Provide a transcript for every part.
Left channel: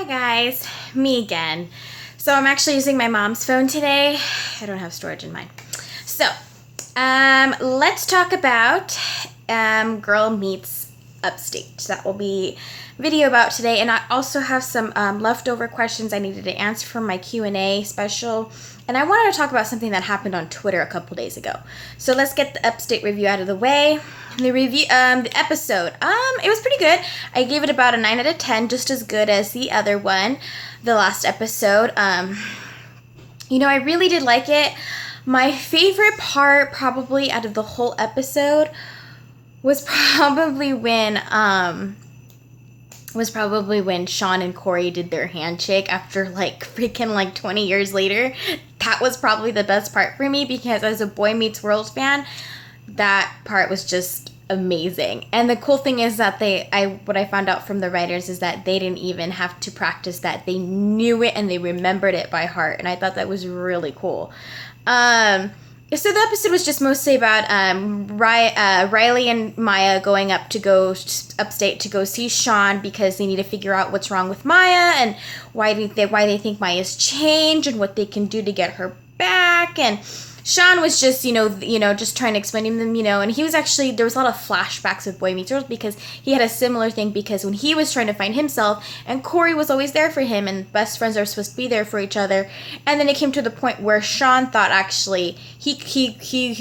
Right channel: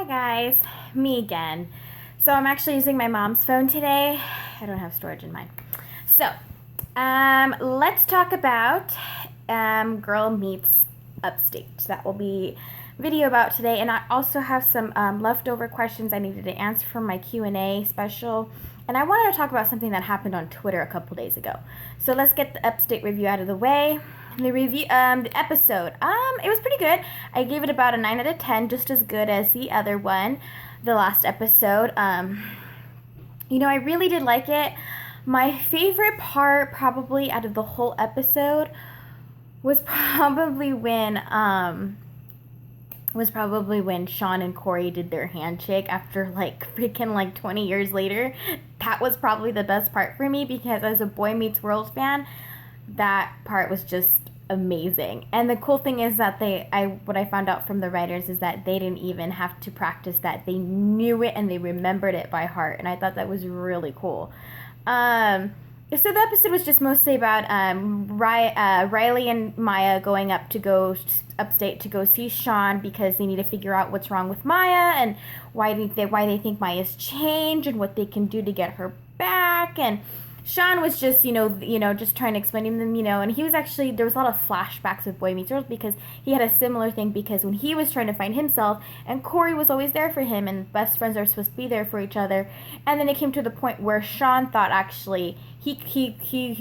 Hi guys, me again. So I'm actually using my mom's phone today. I don't have storage in mine. So, let's talk about Girl Meets Upstate. That will be video about today, and I also have some leftover questions I needed to answer from my Q&A special, and I wanted to talk about something that happened on Twitter a couple days ago. So let's get the Upstate review out of the way. The review, the episode, it was pretty good. I gave it about a 9 out of 10, just as good as the other one, the last episode. I really did like it. My favorite part, probably out of the whole episode, was probably when Sean and Corey did their handshake after freaking 20 years later. That was probably the best part for me, because as a Boy Meets World fan, that part was just amazing. And the cool thing is that what I found out from the writers is that they didn't even have to practice that. They knew it and they remembered it by heart, and I thought that was really cool. So the episode was just mostly about Riley and Maya going up to go upstate to go see Sean, because they need to figure out what's wrong with Maya and why they think Maya's changed and what they can do to get her back. And Sean was just, just trying to explain to them, and he was actually, there was a lot of flashbacks with Boy Meets World, because he had a similar thing, because when he was trying to find himself, and Corey was always there for him, and best friends are supposed to be there for each other, and then it came to the point where Sean thought actually, he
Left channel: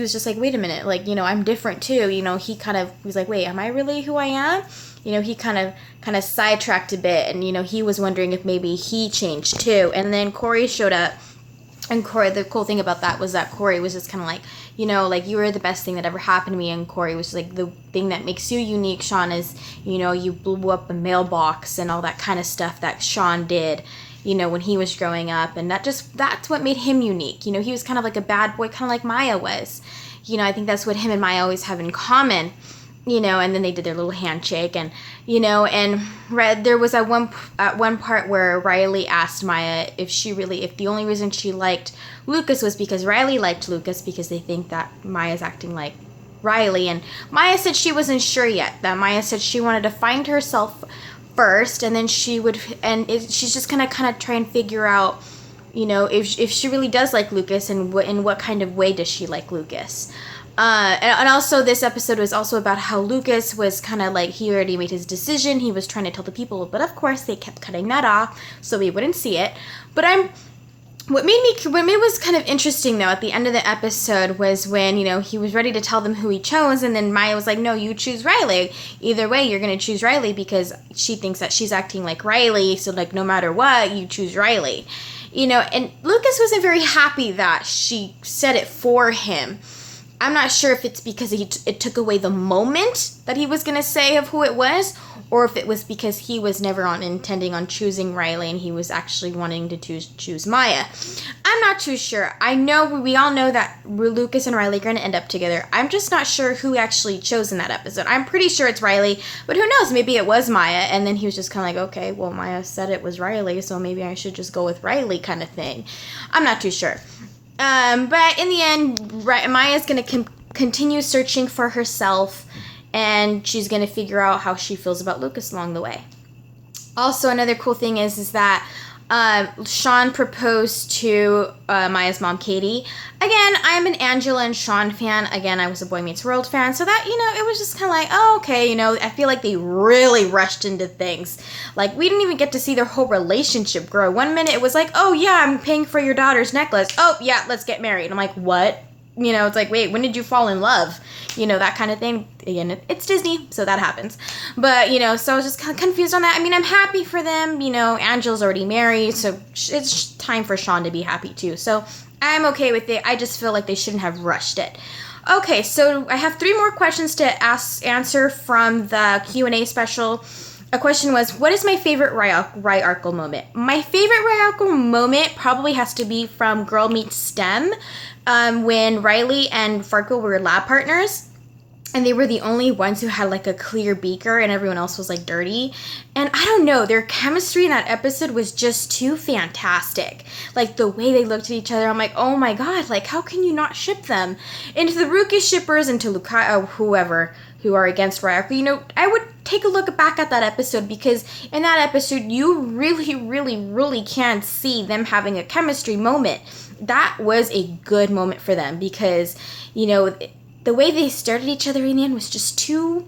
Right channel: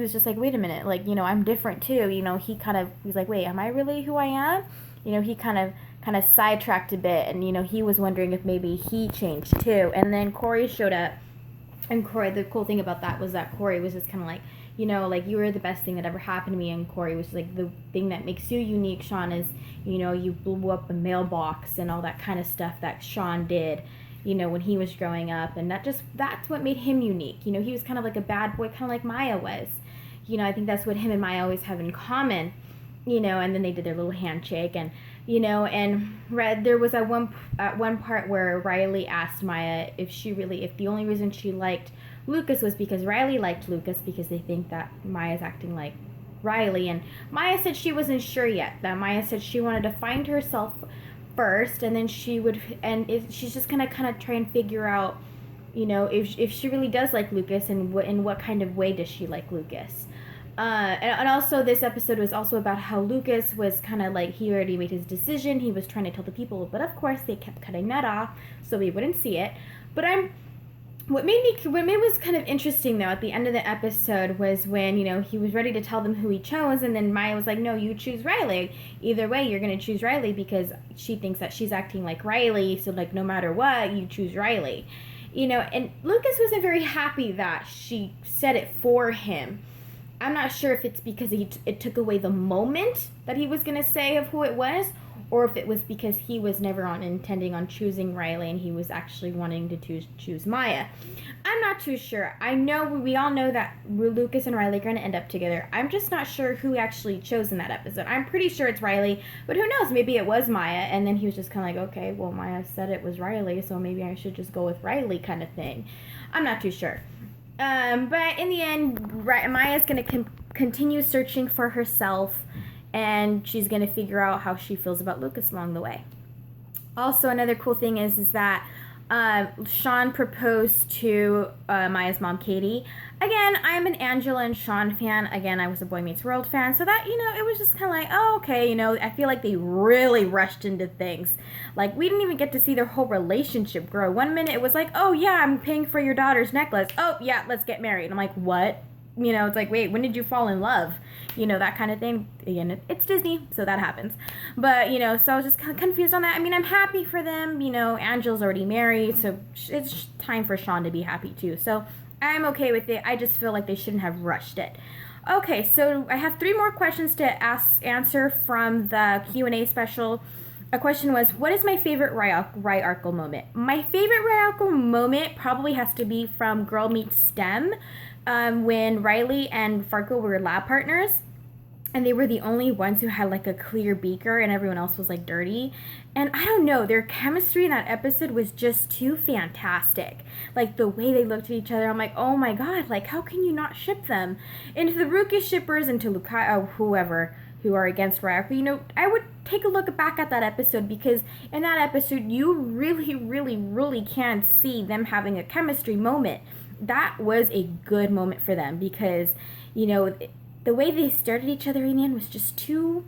was just like, wait a minute, I'm different too, he kind of was like, wait, am I really who I am? He kind of sidetracked a bit, and, he was wondering if maybe he changed too, and then Corey showed up. And Corey, the cool thing about that was that Corey was just kind of you were the best thing that ever happened to me. And Corey was like, the thing that makes you unique, Sean, is, you blew up a mailbox and all that kind of stuff that Sean did, when he was growing up. And that's what made him unique. He was kind of like a bad boy, kind of like Maya was. I think that's what him and Maya always have in common. And then they did their little handshake, and, there was at one part where Riley asked Maya if the only reason she liked Lucas was because Riley liked Lucas, because they think that Maya's acting like Riley. And Maya said she wasn't sure yet. That Maya said she wanted to find herself first, and then she's just gonna kind of try and figure out, if she really does like Lucas, and in what kind of way does she like Lucas. And also this episode was also about how Lucas was kind of he already made his decision. He was trying to tell the people, but of course they kept cutting that off so we wouldn't see it. But what made was kind of interesting though at the end of the episode was when, he was ready to tell them who he chose, and then Maya was like, no, you choose Riley. Either way, you're going to choose Riley, because she thinks that she's acting like Riley, so no matter what, you choose Riley. And Lucas wasn't very happy that she said it for him. I'm not sure if it's because it took away the moment that he was going to say of who it was, or if it was because he was never intending on choosing Riley, and he was actually wanting to choose Maya. I'm not too sure. I know we all know that Lucas and Riley are going to end up together. I'm just not sure who actually chose in that episode. I'm pretty sure it's Riley, but who knows? Maybe it was Maya, and then he was just kind of okay, well, Maya said it was Riley, so maybe I should just go with Riley kind of thing. I'm not too sure. But in the end, Maya's going to continue searching for herself, and she's going to figure out how she feels about Lucas along the way. Also, another cool thing is that Sean proposed to Maya's mom, Katie. Again, I'm an Angela and Sean fan. Again, I was a Boy Meets World fan. So that, it was just kind of oh, okay, I feel like they really rushed into things. We didn't even get to see their whole relationship grow. 1 minute it was oh, yeah, I'm paying for your daughter's necklace. Oh, yeah, let's get married. I'm what? It's wait, when did you fall in love? That kind of thing. Again, it's Disney, so that happens. But, so I was just kind of confused on that. I'm happy for them. Angela's already married, so it's time for Sean to be happy too. So I'm okay with it. I just feel like they shouldn't have rushed it. Okay, so I have 3 more questions to answer from the Q&A special. A question was, what is my favorite Ryarkle moment? My favorite Ryarkle moment probably has to be from Girl Meets STEM, when Riley and Farkle were lab partners, and they were the only ones who had a clear beaker, and everyone else was dirty. And I don't know, their chemistry in that episode was just too fantastic. The way they looked at each other, I'm oh my god, how can you not ship them? And to the Rookie shippers and to whoever who are against Ryoko, I would take a look back at that episode, because in that episode, you really, really, really can see them having a chemistry moment. That was a good moment for them, because, the way they started each other in the end was just too...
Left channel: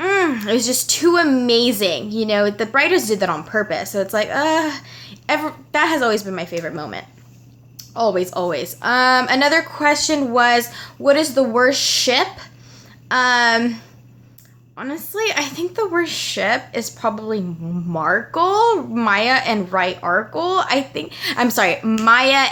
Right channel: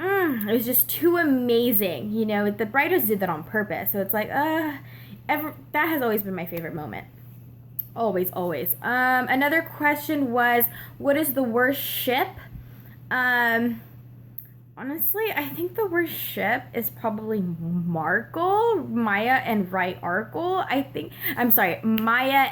it was just too amazing. The writers did that on purpose. So it's like, that has always been my favorite moment. Always, always. Another question was, what is the worst ship? Honestly, I think the worst ship is probably Maya and Maya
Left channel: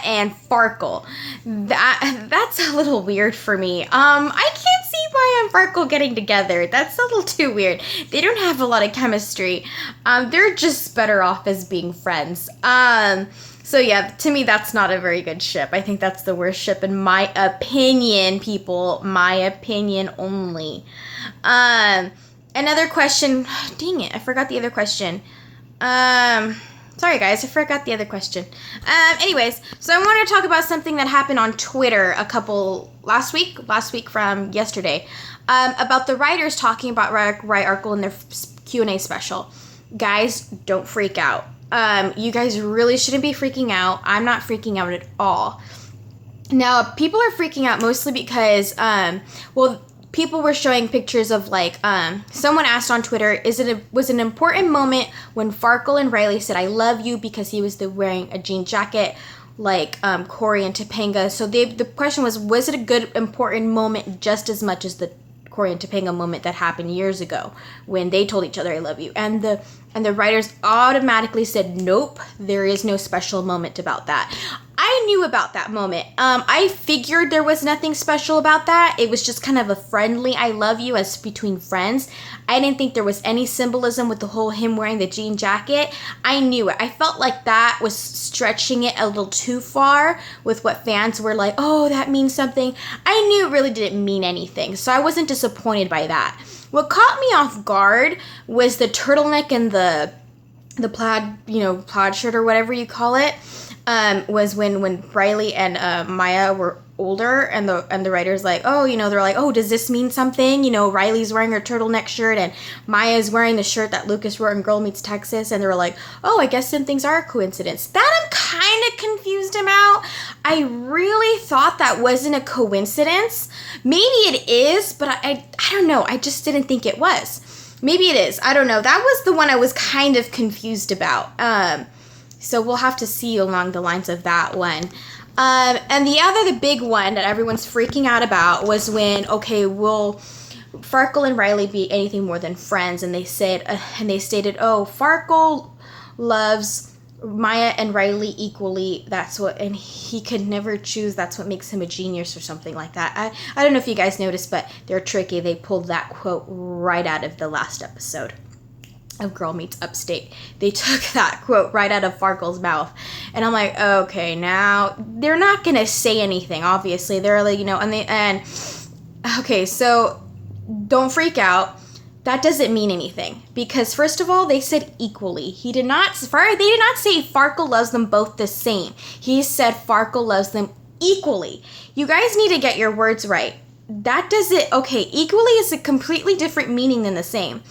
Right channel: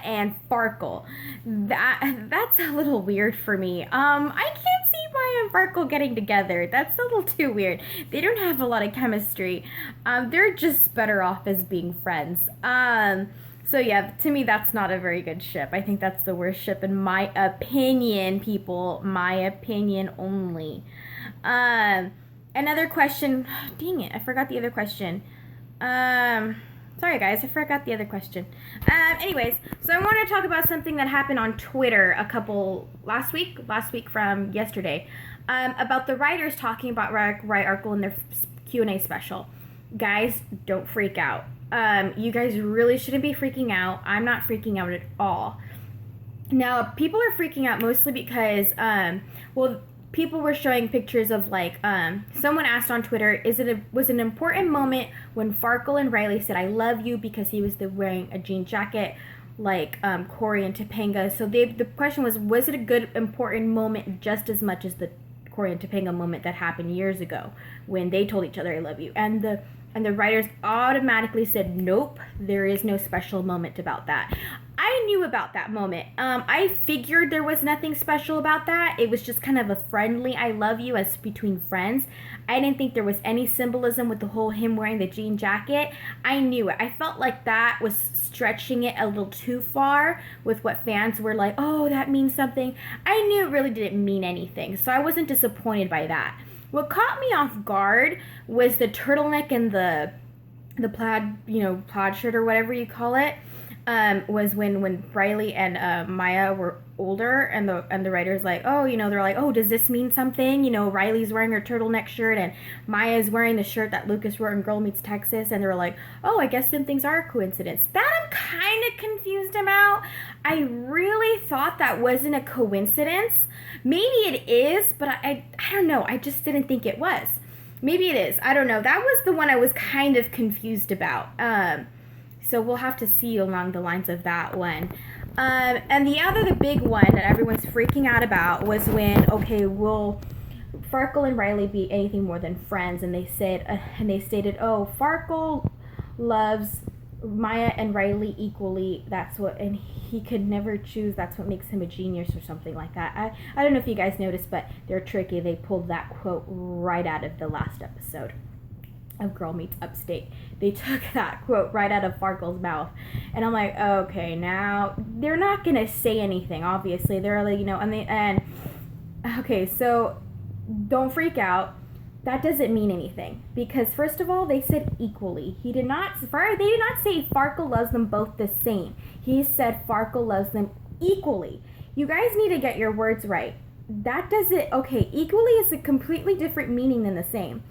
and Farkle. That's a little weird for me. I can't see Maya and Farkle getting together. That's a little too weird. They don't have a lot of chemistry. They're just better off as being friends. So yeah, to me, that's not a very good ship. I think that's the worst ship in my opinion, people. My opinion only. Another question. Dang it, I forgot the other question. Sorry guys, I forgot the other question. Anyways, so I wanted to talk about something that happened on Twitter last week from yesterday, about the writers talking about Ryarkle in their Q&A special. Guys, don't freak out. You guys really shouldn't be freaking out. I'm not freaking out at all. Now, people are freaking out mostly because, people were showing pictures of, someone asked on Twitter, was it an important moment when Farkle and Riley said, I love you, because he was wearing a jean jacket like Corey and Topanga. So the question was it a good, important moment just as much as the Corey and Topanga moment that happened years ago when they told each other, I love you? And the writers automatically said, nope, there is no special moment about that. I knew about that moment. I figured there was nothing special about that. It was just kind of a friendly I love you as between friends. I didn't think there was any symbolism with the whole him wearing the jean jacket. I knew it. I felt like that was stretching it a little too far with what fans were like, oh, that means something. I knew it really didn't mean anything, so I wasn't disappointed by that. What caught me off guard was the turtleneck and the plaid shirt or whatever you call it. Was when Riley and Maya were older, and the writers they're like, oh, does this mean something? Riley's wearing her turtleneck shirt and Maya's wearing the shirt that Lucas wore in Girl Meets Texas, and they were like, oh, I guess some things are a coincidence. That I'm kind of confused about. I really thought that wasn't a coincidence. Maybe it is, but I don't know. I just didn't think it was. Maybe it is. I don't know. That was the one I was kind of confused about. So we'll have to see along the lines of that one. And the big one that everyone's freaking out about was when, will Farkle and Riley be anything more than friends? And they stated, Farkle loves Maya and Riley equally. And he could never choose. That's what makes him a genius or something like that. I don't know if you guys noticed, but they're tricky. They pulled that quote right out of the last episode of Girl Meets Upstate. They took that quote right out of Farkle's mouth. And I'm like, okay, now they're not going to say anything, obviously. They're like, okay, so don't freak out. That doesn't mean anything. Because first of all, they said equally. They did not say Farkle loves them both the same. He said Farkle loves them equally. You guys need to get your words right. Equally is a completely different meaning than the same.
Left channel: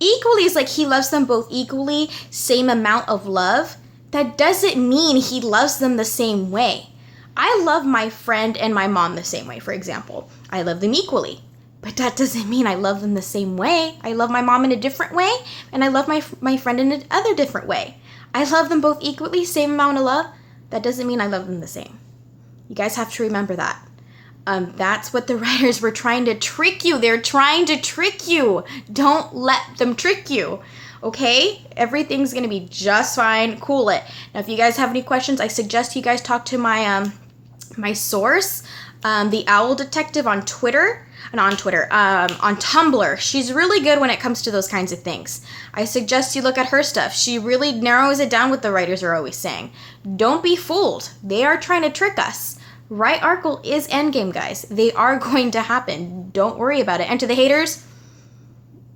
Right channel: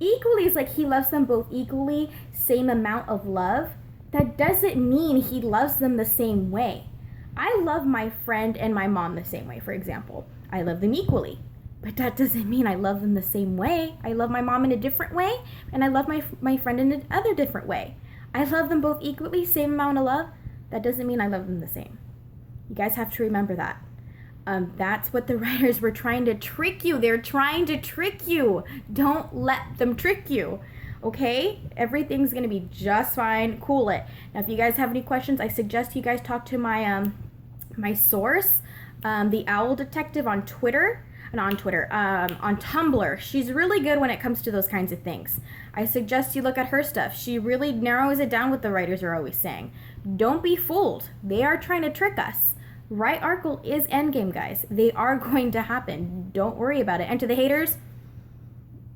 Equally is like he loves them both equally, same amount of love. That doesn't mean he loves them the same way. I love my friend and my mom the same way, for example. I love them equally. But that doesn't mean I love them the same way. I love my mom in a different way, and I love my friend in another different way. I love them both equally, same amount of love. That doesn't mean I love them the same. You guys have to remember that. That's what the writers were trying to trick you. They're trying to trick you. Don't let them trick you. Okay? Everything's going to be just fine. Cool it. Now, if you guys have any questions, I suggest you guys talk to my my source, the Owl Detective on Twitter. On Tumblr. She's really good when it comes to those kinds of things. I suggest you look at her stuff. She really narrows it down what the writers are always saying. Don't be fooled. They are trying to trick us. Ryarkle is endgame, guys. They are going to happen. Don't worry about it. And to the haters,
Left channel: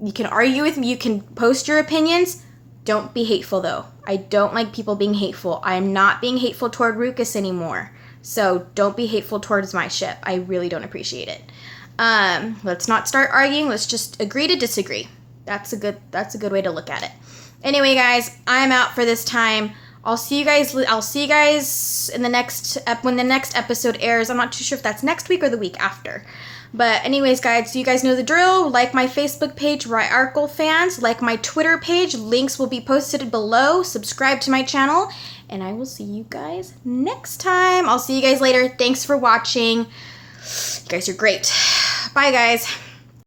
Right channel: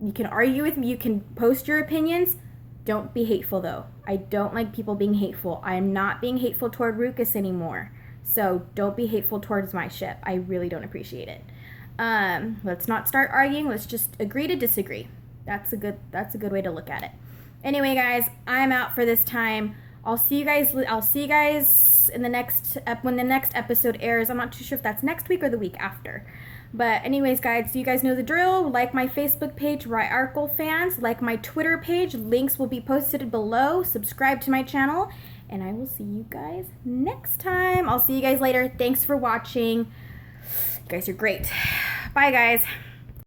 you can argue with me. You can post your opinions. Don't be hateful, though. I don't like people being hateful. I am not being hateful toward Ruckus anymore. So don't be hateful towards my ship. I really don't appreciate it. Let's not start arguing. Let's just agree to disagree. That's a good way to look at it. Anyway, guys, I'm out for this time. I'll see you guys in the next when the next episode airs. I'm not too sure if that's next week or the week after. But anyways, guys, so you guys know the drill. Like my Facebook page, Right Arkle Fans. Like my Twitter page. Links will be posted below. Subscribe to my channel. And I will see you guys next time. I'll see you guys later. Thanks for watching. You guys are great. Bye, guys.